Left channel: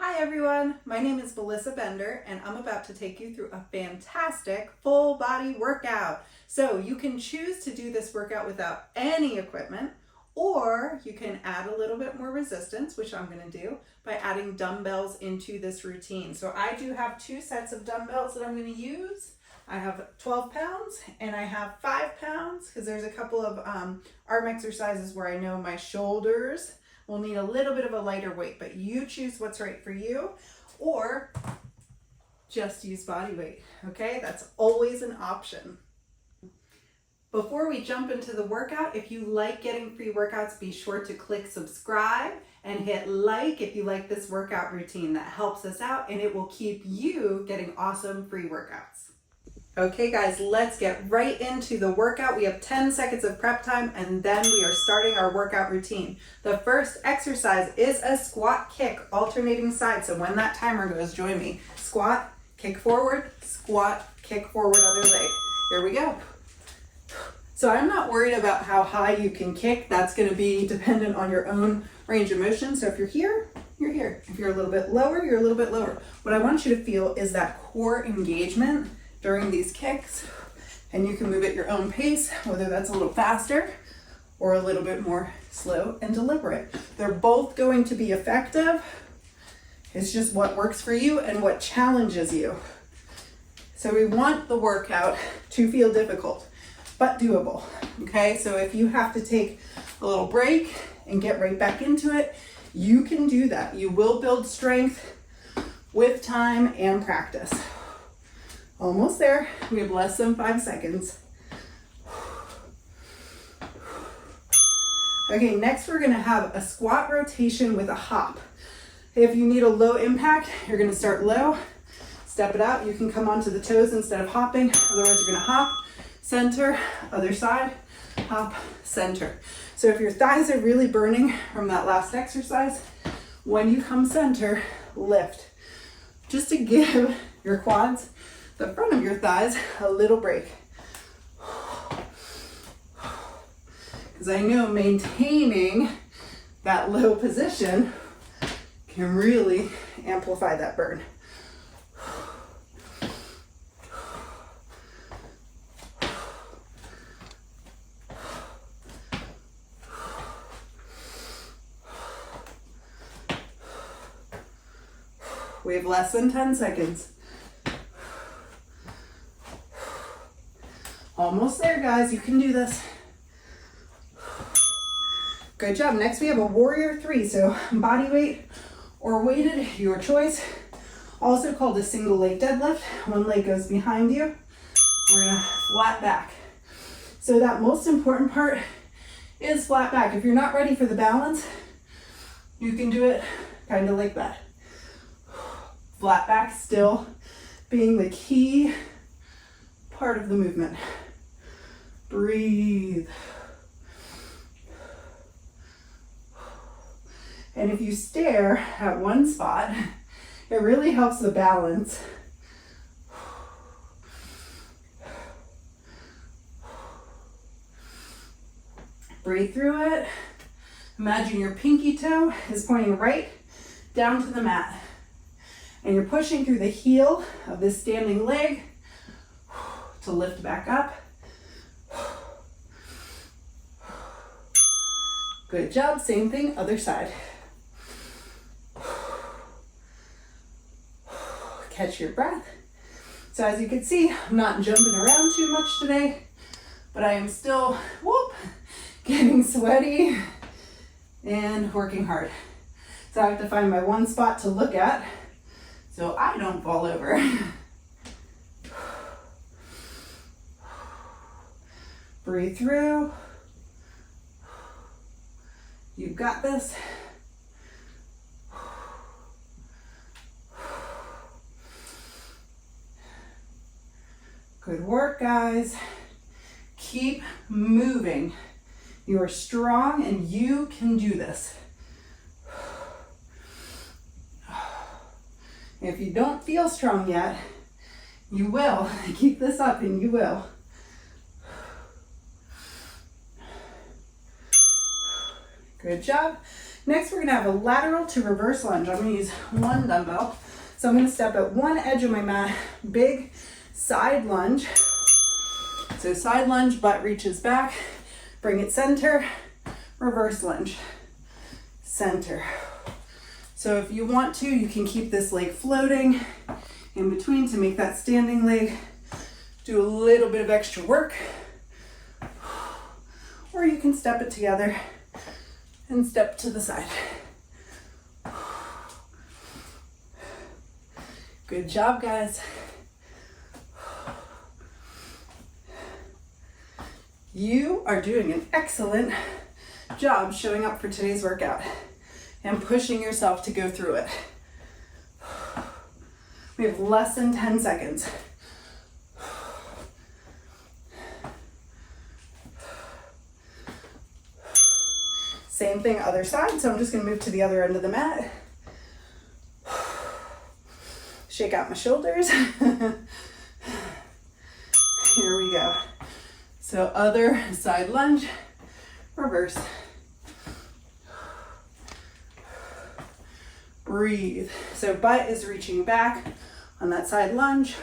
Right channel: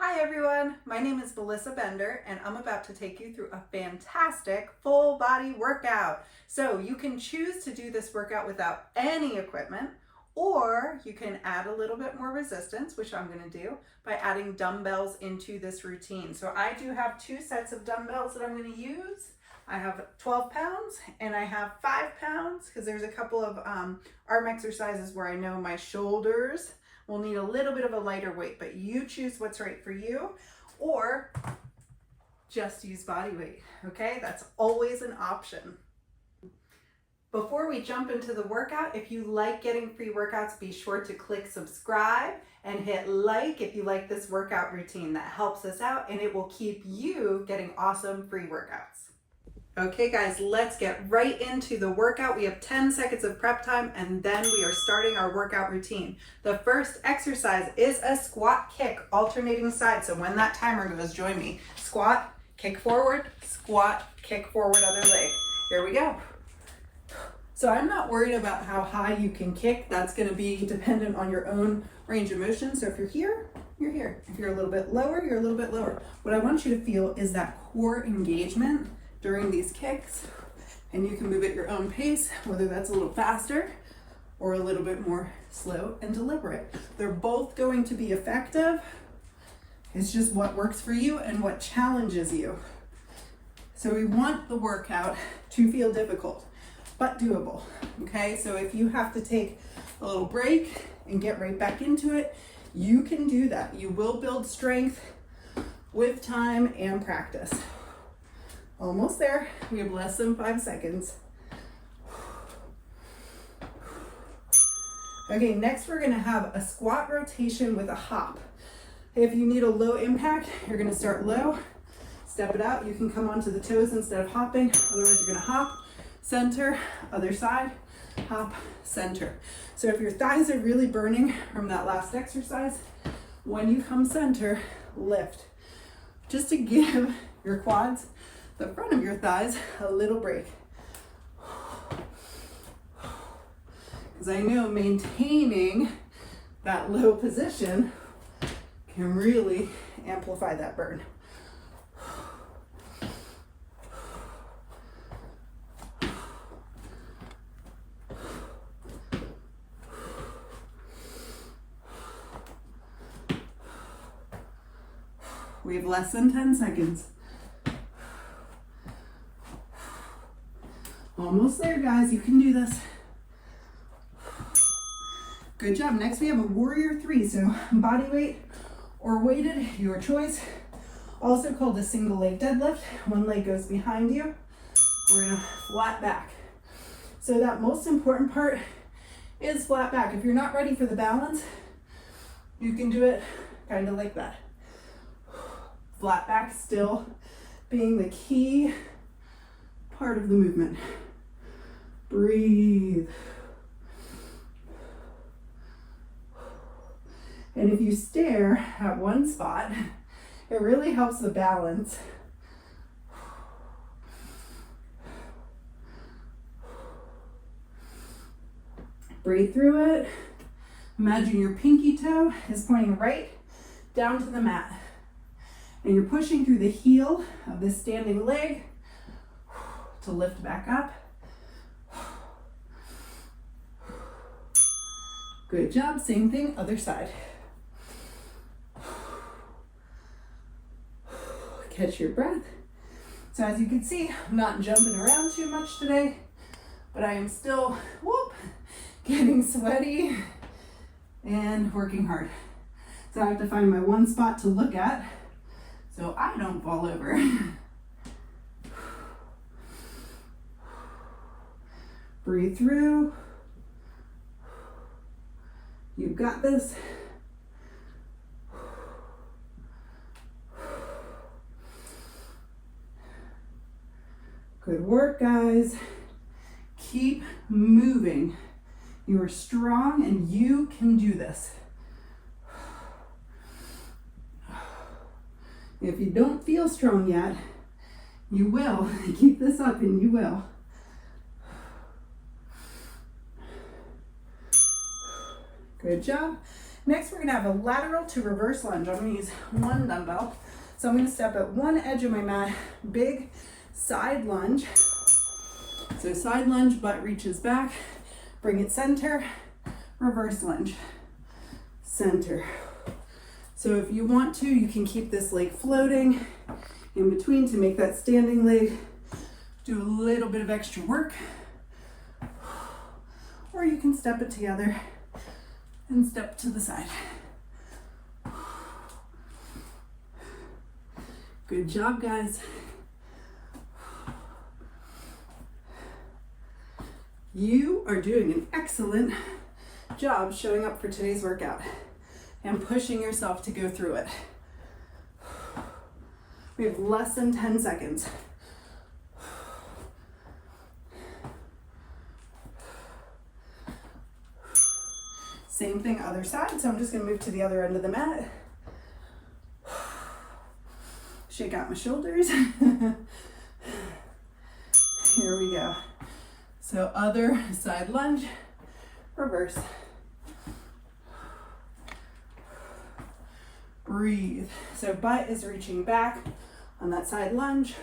Hi everyone, my name is Melissa Bender and I'm about to take you through a fantastic full body workout. So you can choose to do this workout without any equipment, or you can add a little bit more resistance, which I'm going to do by adding dumbbells into this routine. So I do have two sets of dumbbells that I'm going to use. I have 12 pounds and I have 5 pounds because there's a couple of arm exercises where I know my shoulders will need a little bit of a lighter weight, but you choose what's right for you, or just use body weight, okay? That's always an option. Before we jump into the workout, if you like getting free workouts, be sure to click subscribe and hit like if you like this workout routine. That helps us out and it will keep you getting awesome free workouts. Okay guys, let's get right into the workout. We have 10 seconds of prep time and then we are starting our workout routine. The first exercise is a squat kick, alternating sides. So when that timer goes, join me. Squat, kick forward, squat, kick forward, other leg. Here we go. So I'm not worried about how high you can kick. That's gonna be dependent on your own range of motion. So if you're here, you're here. If you're a little bit lower, you're a little bit lower. What I want you to feel is that core engagement during these kicks, and you can move at your own pace, whether that's a little faster or a little bit more slow and deliberate. They're both going to be effective. It's just what works for you and what challenges you. So we want the workout to feel difficult, but doable, okay? So if you have to take a little break and get right back into it, you can do that. You will build strength with time and practice. Almost there. We have less than 5 seconds. Okay, next we're gonna have a squat rotation with a hop. If you need a low impact, you're gonna start low, step it out. You can come onto the toes instead of hopping. Otherwise, you're gonna hop, center, other side, hop, center. So if your thighs are really burning from that last exercise, when you come center, lift. Just to give your quads, the front of your thighs, a little break. Because I know maintaining that low position can really amplify that burn. We have less than 10 seconds. Almost there, guys. You can do this. Good job. Next, we have a warrior 3. So body weight or weighted, your choice. Also called a single leg deadlift. One leg goes behind you. We're gonna flat back. So that most important part is flat back. If you're not ready for the balance, you can do it kind of like that. Flat back still being the key part of the movement. Breathe. And if you stare at one spot, it really helps the balance. Breathe through it. Imagine your pinky toe is pointing right down to the mat. And you're pushing through the heel of this standing leg to lift back up. Good job. Same thing, other side. Catch your breath. So as you can see, I'm not jumping around too much today, but I am still, getting sweaty and working hard. So I have to find my one spot to look at so I don't fall over. Breathe through. You've got this. Good work, guys. Keep moving. You are strong and you can do this. If you don't feel strong yet, you will. Keep this up and you will. Good job. Next, we're gonna have a lateral to reverse lunge. I'm gonna use one dumbbell. So I'm gonna step at one edge of my mat, big side lunge. So side lunge, butt reaches back, bring it center, reverse lunge, center. So if you want to, you can keep this leg floating in between to make that standing leg do a little bit of extra work. Or you can step it together and step to the side. Good job, guys. You are doing an excellent job showing up for today's workout and pushing yourself to go through it. We have less than 10 seconds. Same thing, other side. So I'm just gonna move to the other end of the mat. Shake out my shoulders. Here we go. So other side lunge, reverse. Breathe. So butt is reaching back on that side lunge.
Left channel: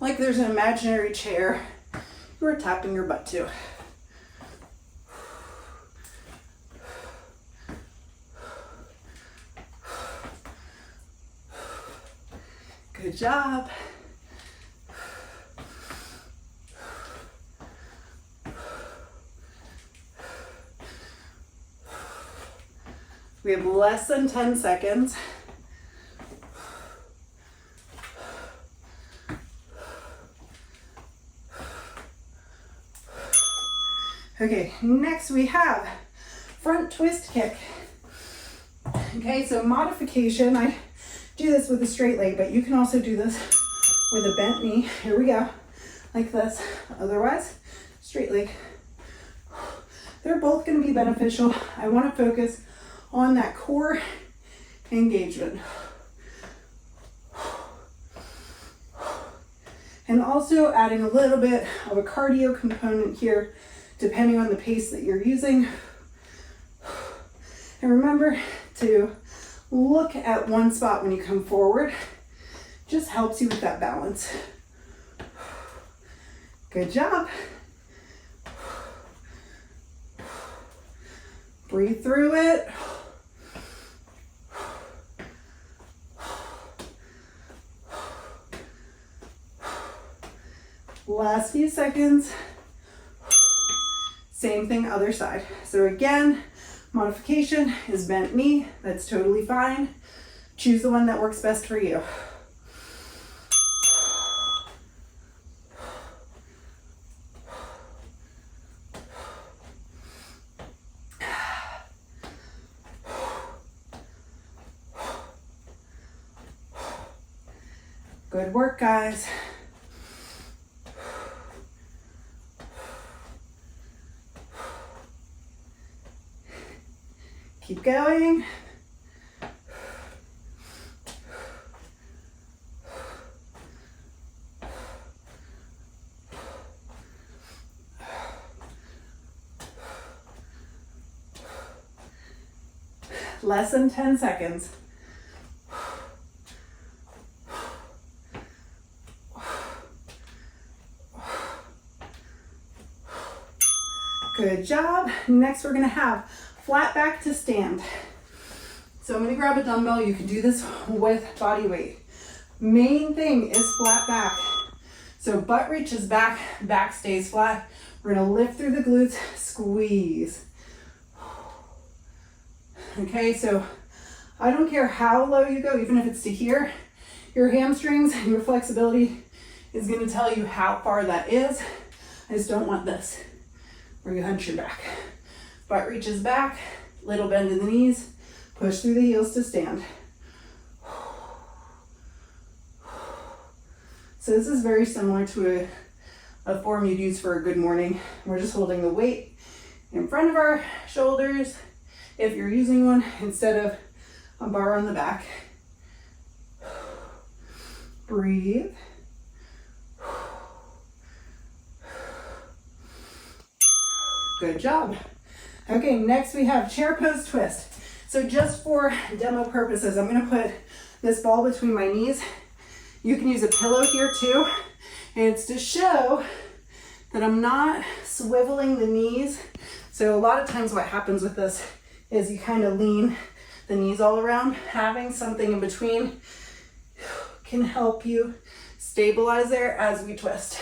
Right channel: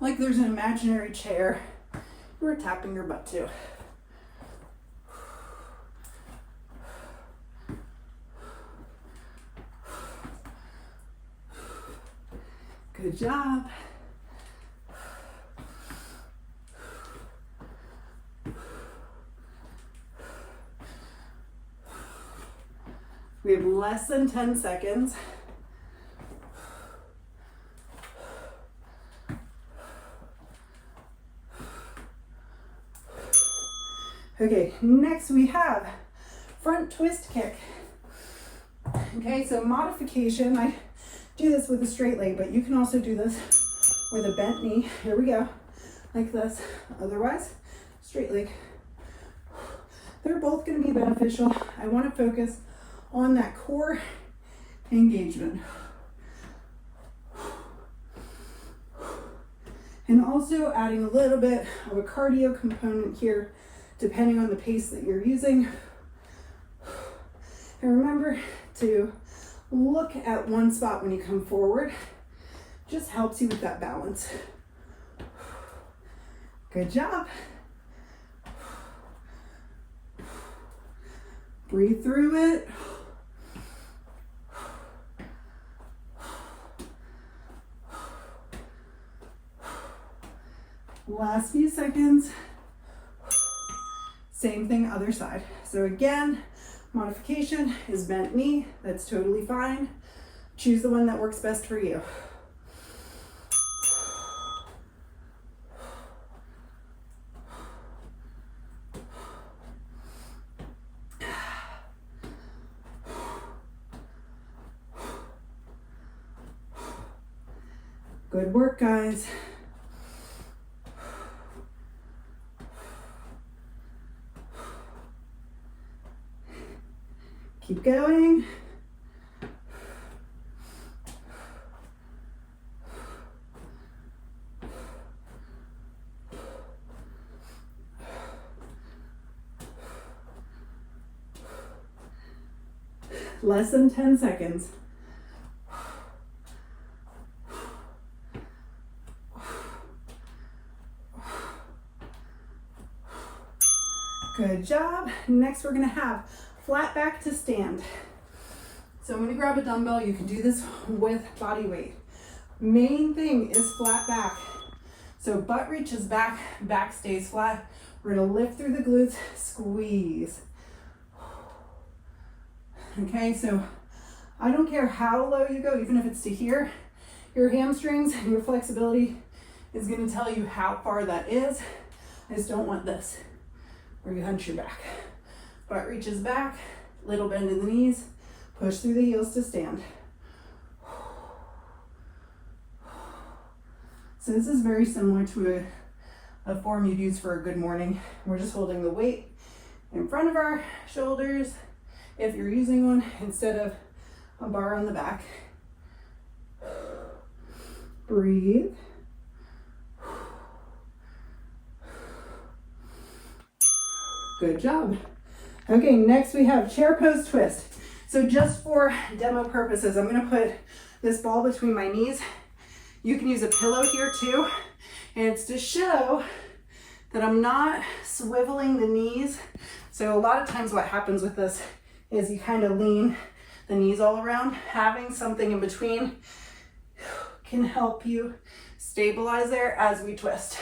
Like there's an imaginary chair you are tapping your butt to. Good job. We have less than 10 seconds. Okay, next we have front twist kick. Okay, so modification, I do this with a straight leg, but you can also do this with a bent knee. Here we go, like this. Otherwise, straight leg. They're both gonna be beneficial. I wanna focus on that core engagement. And also adding a little bit of a cardio component here, depending on the pace that you're using. And remember to look at one spot when you come forward. Just helps you with that balance. Good job. Breathe through it. Last few seconds. Same thing, other side. So again, modification is bent knee. That's totally fine. Choose the one that works best for you. Good work, guys. Keep going. Less than 10 seconds. Good job. Next, we're gonna have flat back to stand. So I'm gonna grab a dumbbell. You can do this with body weight. Main thing is flat back. So butt reaches back, back stays flat. We're gonna lift through the glutes, squeeze. Okay, so I don't care how low you go, even if it's to here, your hamstrings, your flexibility is gonna tell you how far that is. I just don't want this, where you hunch your back. Butt reaches back, little bend in the knees, push through the heels to stand. So this is very similar to a form you'd use for a good morning. We're just holding the weight in front of our shoulders, if you're using one, instead of a bar on the back. Breathe. Good job. Okay, next we have chair pose twist. So just for demo purposes, I'm gonna put this ball between my knees. You can use a pillow here too. And it's to show that I'm not swiveling the knees. So a lot of times what happens with this is you kind of lean the knees all around. Having something in between can help you stabilize there as we twist.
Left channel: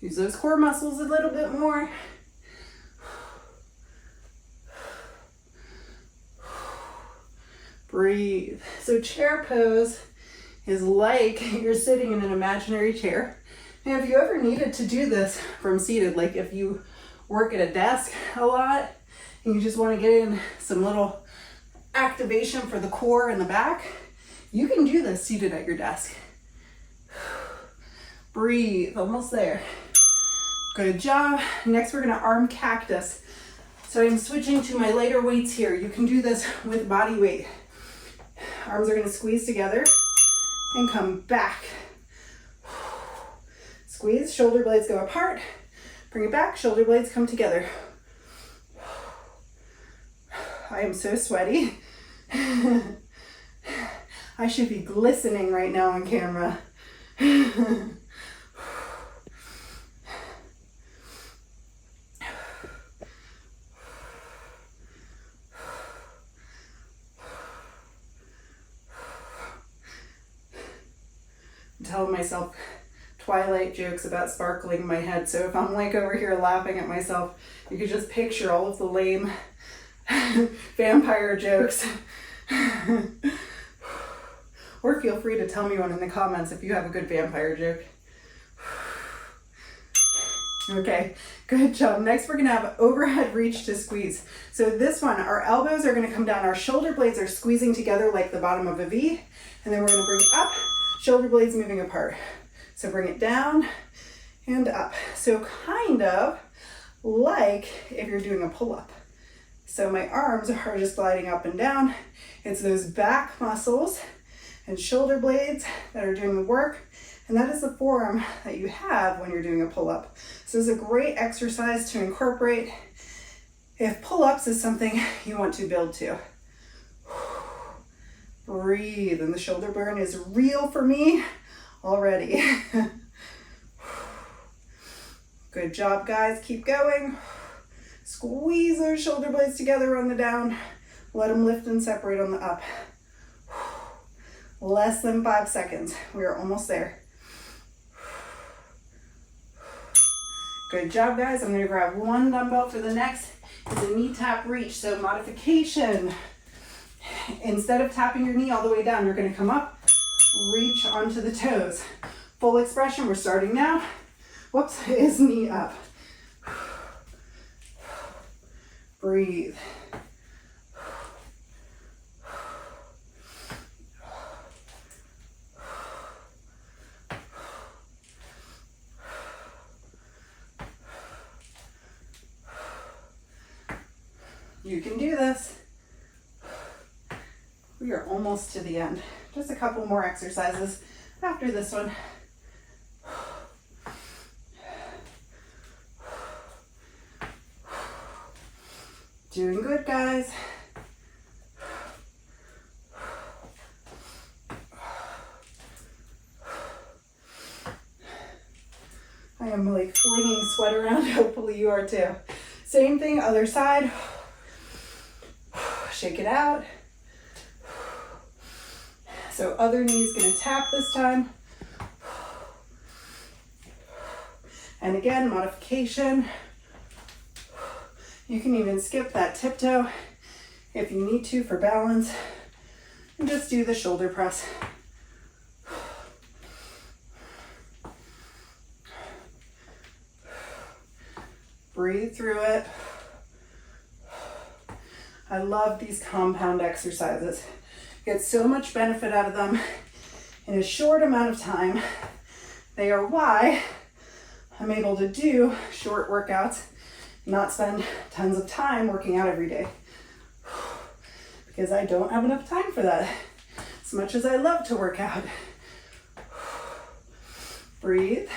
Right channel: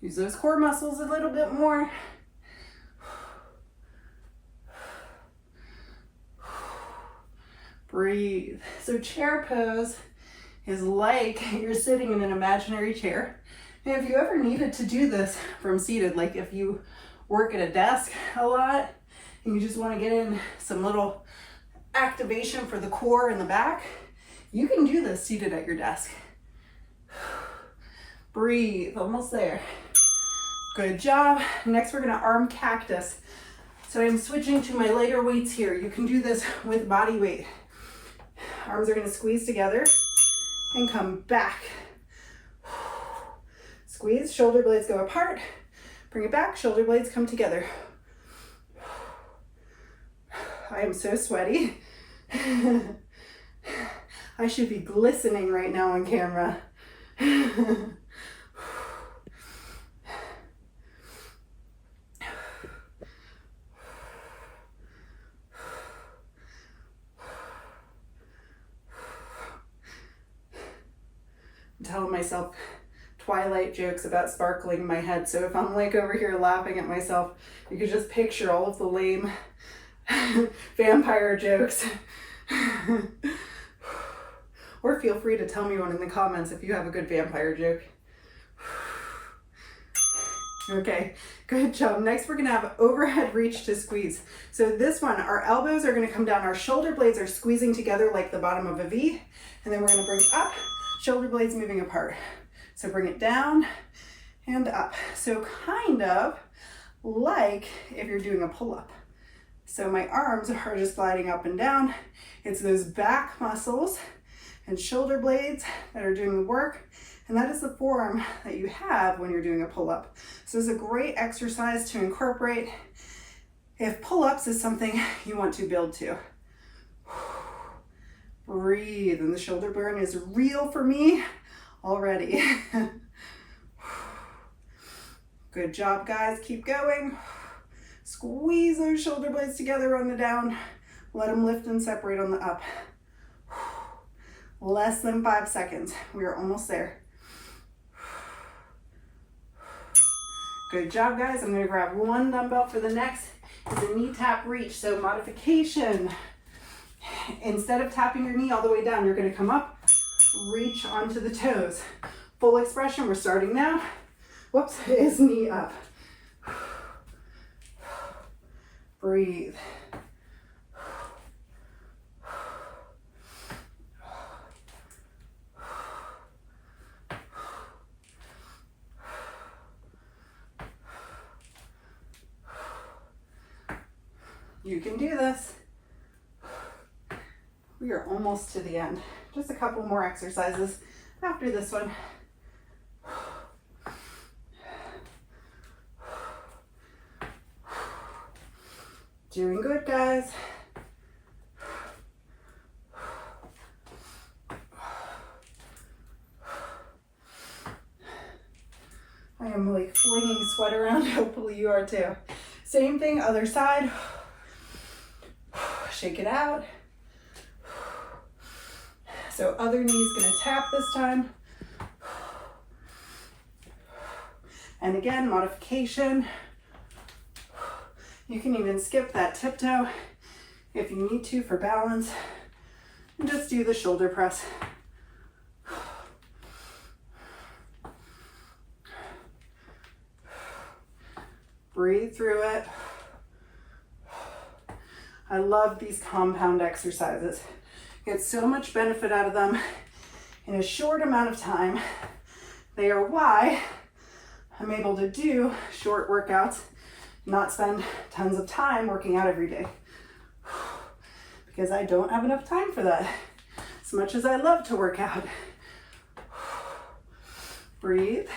Use those core muscles a little bit more. Breathe. So chair pose is like you're sitting in an imaginary chair. And if you ever needed to do this from seated, like if you work at a desk a lot and you just want to get in some little activation for the core and the back, you can do this seated at your desk. Breathe, almost there. Good job. Next, we're gonna arm cactus. So I'm switching to my lighter weights here. You can do this with body weight. Arms are gonna squeeze together and come back. Squeeze, shoulder blades go apart. Bring it back, shoulder blades come together. I am so sweaty. I should be glistening right now on camera. Telling myself Twilight jokes about sparkling in my head. So if I'm like over here laughing at myself, you could just picture all of the lame vampire jokes. Or feel free to tell me one in the comments if you have a good vampire joke. Okay, good job. Next, we're gonna have overhead reach to squeeze. So this one, our elbows are gonna come down, our shoulder blades are squeezing together like the bottom of a V, and then we're gonna bring up, shoulder blades moving apart. So bring it down and up. So kind of like if you're doing a pull-up. So my arms are just gliding up and down. It's those back muscles and shoulder blades that are doing the work. And that is the form that you have when you're doing a pull-up. So it's a great exercise to incorporate if pull-ups is something you want to build to. Breathe, and the shoulder burn is real for me already. Good job, guys. Keep going. Squeeze those shoulder blades together on the down. Let them lift and separate on the up. Less than 5 seconds. We are almost there. Good job, guys. I'm going to grab one dumbbell for the next. It's a knee tap reach. So modification. Instead of tapping your knee all the way down, you're going to come up, reach onto the toes. Full expression. We're starting now. Whoops, is knee up. Breathe. You can do this. We are almost to the end. Just a couple more exercises after this one. Doing good, guys. I am like flinging sweat around. Hopefully you are too. Same thing, other side. Shake it out. So other knee's gonna tap this time. And again, modification. You can even skip that tiptoe if you need to for balance. And just do the shoulder press. Breathe through it. I love these compound exercises. Get so much benefit out of them in a short amount of time. They are why I'm able to do short workouts, not spend tons of time working out every day. Because I don't have enough time for that, as much as I love to work out. Breathe.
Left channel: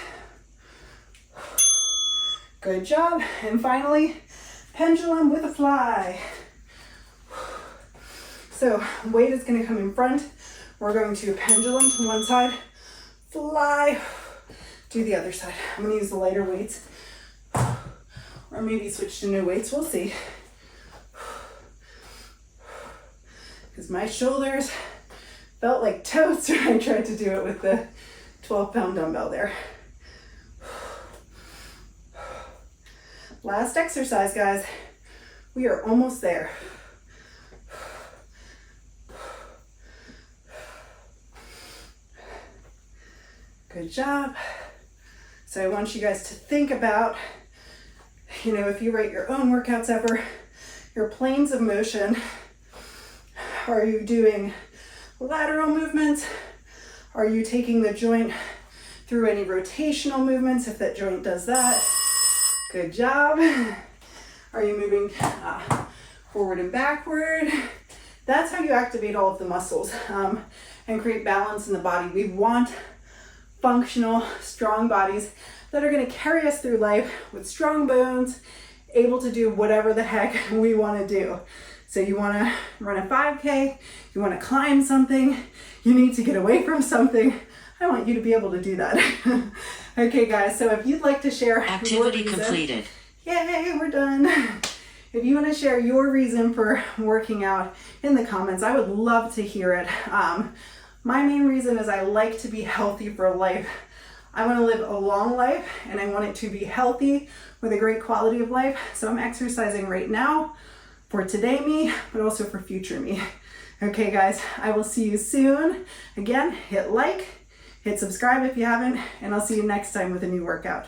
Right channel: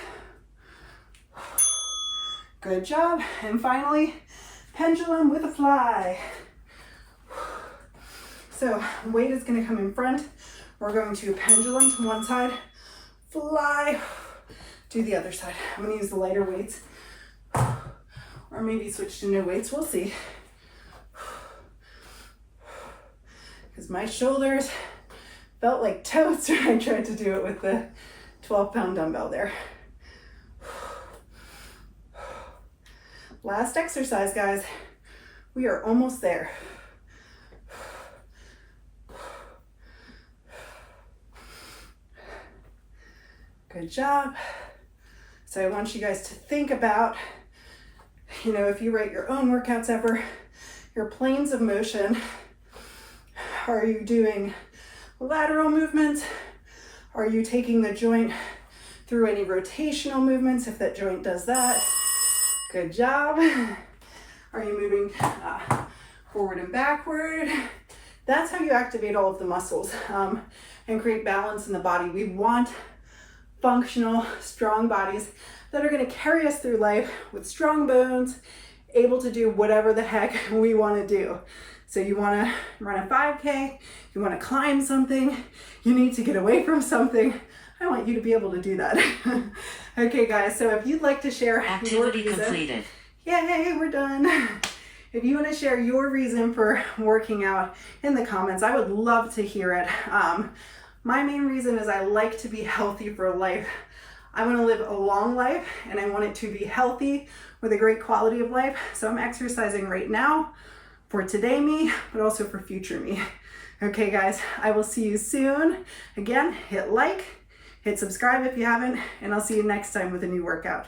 Good job. And finally, pendulum with a fly. So weight is going to come in front. We're going to pendulum to one side, fly to the other side. I'm going to use the lighter weights or maybe switch to new weights. We'll see. Because my shoulders felt like toast when I tried to do it with the 12-pound dumbbell there. Last exercise, guys. We are almost there. Good job. So I want you guys to think about, if you write your own workouts ever, your planes of motion. Are you doing lateral movements? Are you taking the joint through any rotational movements if that joint does that? Good job. Are you moving forward and backward? That's how you activate all of the muscles and create balance in the body. We want functional, strong bodies that are going to carry us through life with strong bones, able to do whatever the heck we want to do. So you want to run a 5K, you want to climb something, you need to get away from something. I want you to be able to do that. Okay, guys, so if you'd like to share activity completed. Yay, we're done. If you want to share your reason for working out in the comments, I would love to hear it. My main reason is I like to be healthy for life. I want to live a long life and I want it to be healthy with a great quality of life. So I'm exercising right now for today me, but also for future me. Okay, guys, I will see you soon. Again, hit like, hit subscribe if you haven't, and I'll see you next time with a new workout.